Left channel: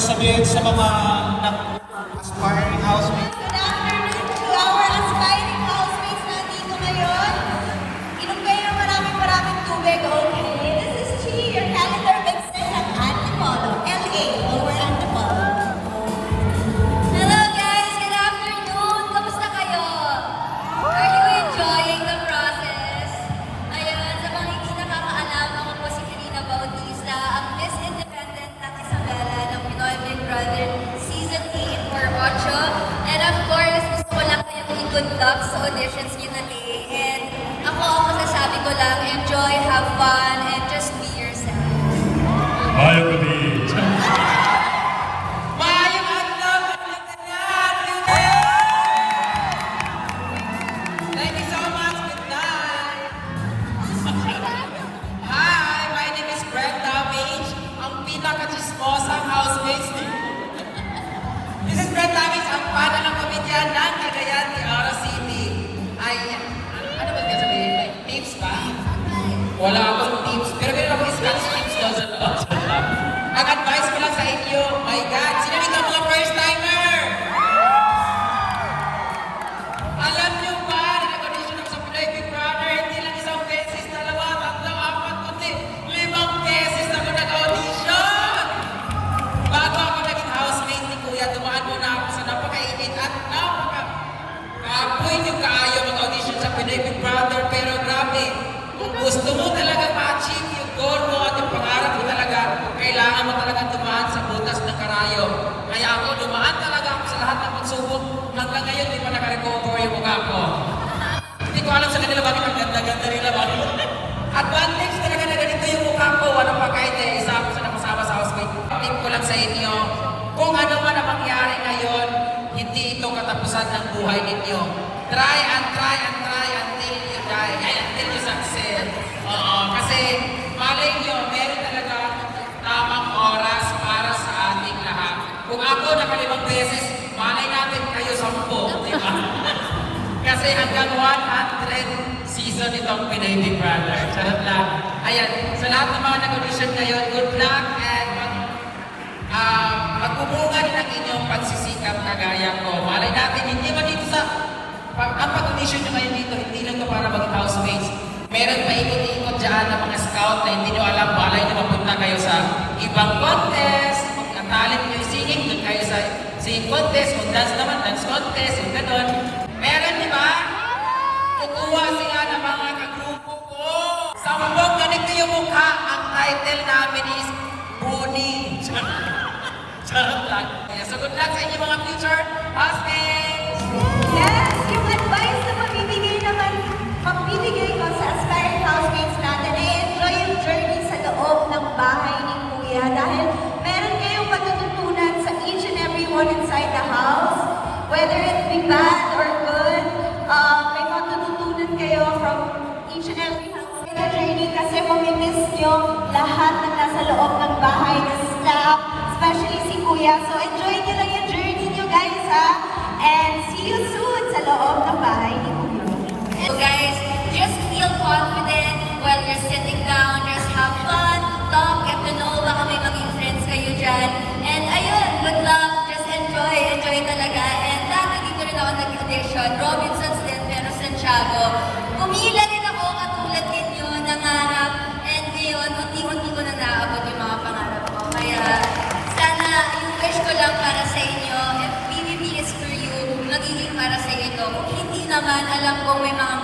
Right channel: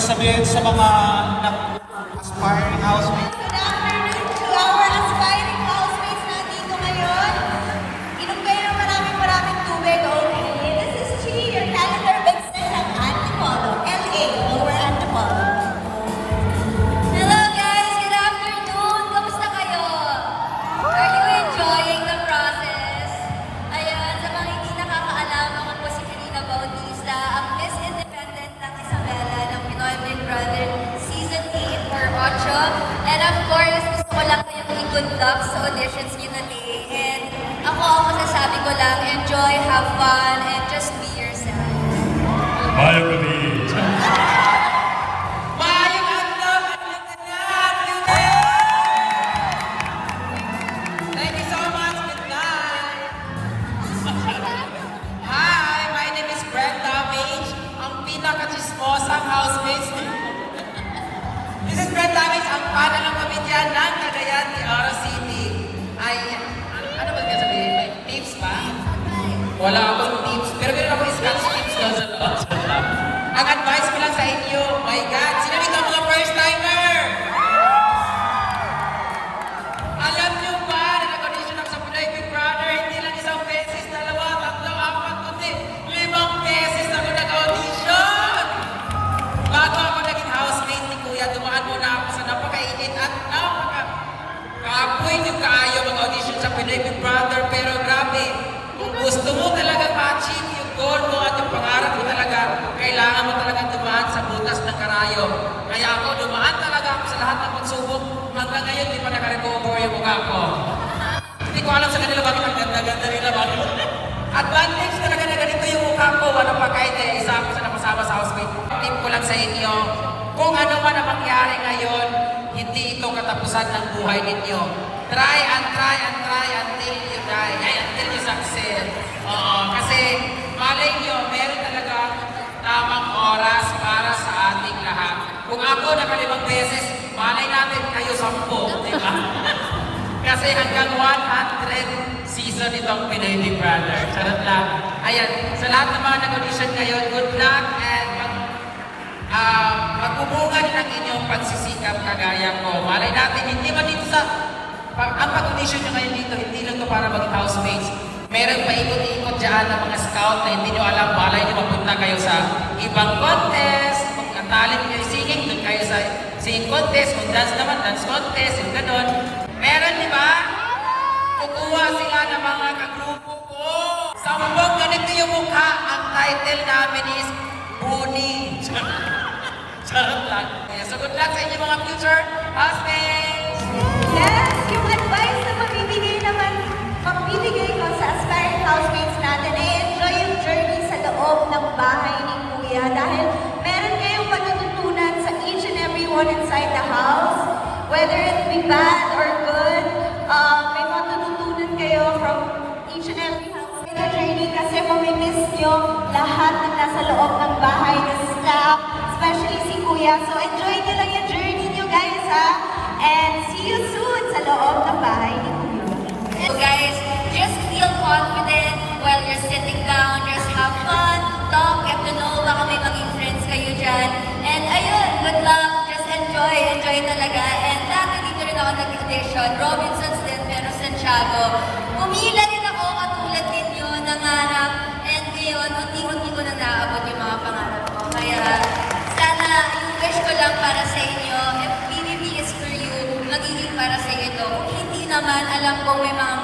sabihin sa mga aspiring housemates? Good luck sa auditions niyo na and ako masasabi ko lang, enjoy, have fun, and just be yourself. Hi, my name is Brenda Page, ang pinaka-chismosang housemates niyo. Mrs. Brenda is ang parang ang pamilya ng Cagayan de Oro City. Ay, ano ba sabihin? Tips ba? Wala akong tips, pero meron akong skills na sa loob. Nag-advise ko lang sa inyo, my God, sino ito mga first timer? Alam niyo ba, nag-audition ako sa Brady Brother, hindi lang isang beses, dalawa, tatlo, apat, pati, 5 beses na nag-audition! Bago ako naging housemate ni Kuya, dumaan muna ako sa napakainit at napaka-pwede tayo mag-audition sa Brady Brother, pero grabe, kung gusto mo talaga ma-achieve yung goal mo at yung pangarap mo talaga, kailangan mo talaga dumaan sa butas ng karayo. Kaya ako dumaan talaga ako sa lahat ng pagsubok. Hanggang ngayon, di ba nag-recover yung mga ako? Hindi ko alam sa kanila ba kung nagdadali na ba? At dahil hindi talaga nagalito yung mukha ko, walang pagkain isa ako sa nakasama sa housemate. Pagkain ko lang sa inyo, kung ano man ang mangyari ngayon, hindi ito katapusan ng buhay ninyo. Try and try and try until you die. Until you succeed. Kasi malay nyo, meron talaga tamang oras para sa ating lahat. Kung ako nakalimang beses, malay natin kayo 10, di ba? Kasi hanggang 100 season itong Pinedi Brother. Charot lang. Ayan, sa lahat ng mga nag-audition kayo, good luck and magbubugan ng inyong pagsisikap kagaya ko. Malay natin, hindi ba dito sa ang pag-audition nyo ngayon dito, hindi nyo ito para maging housemates. Meron pa ikot-ikot dyan ng mga scout na hindi nyo alam, malay nyo mapunta kayo sa ibang contest, ang talent kayo singing, doon kayo sa singing contest, kung dance naman, dance contest, yung gano'n. Meron, di ba? Kukuha sila ng mga kagrupo ko. Sa mabog, ganito yung mukha, ang title namin is Boni. Charot lang. So good luck sa inyo mga future housemates! Yes, yung advice na magbibigay ko sa aspiring housemates natin ay enjoy yung journey sa loob ng bahay ni Kuya dahil meron kayong pagtutunan sa each and every one inside the house, whether it be bad or good, may matututunan kayo from each and every housemates na journey kasi mamimiss nyo lahat na nasa loob ng bahay ni staff, especially si Kuya. So enjoy nyo lang yung journey nyo guys ha, and see you soon sa loob ng bahay ni Kuya. So guys, just feel confident while you're sitting down, just have fun, talk, get to know, baka may maging friends kayo dyan. And ayun, good luck, just enjoy talaga. And dati dito rin ako nag-audition, Robinsons din, pero Santiago. Pumila din ako katulad ninyo, nangarap, and ngayon, unti-unti ko na naabot yung mga pangarap ko. Kaya sana, yung wish ko lang para sa inyo, if BBB is for you, magiging para sa inyo. Hindi naman, alam ko may mga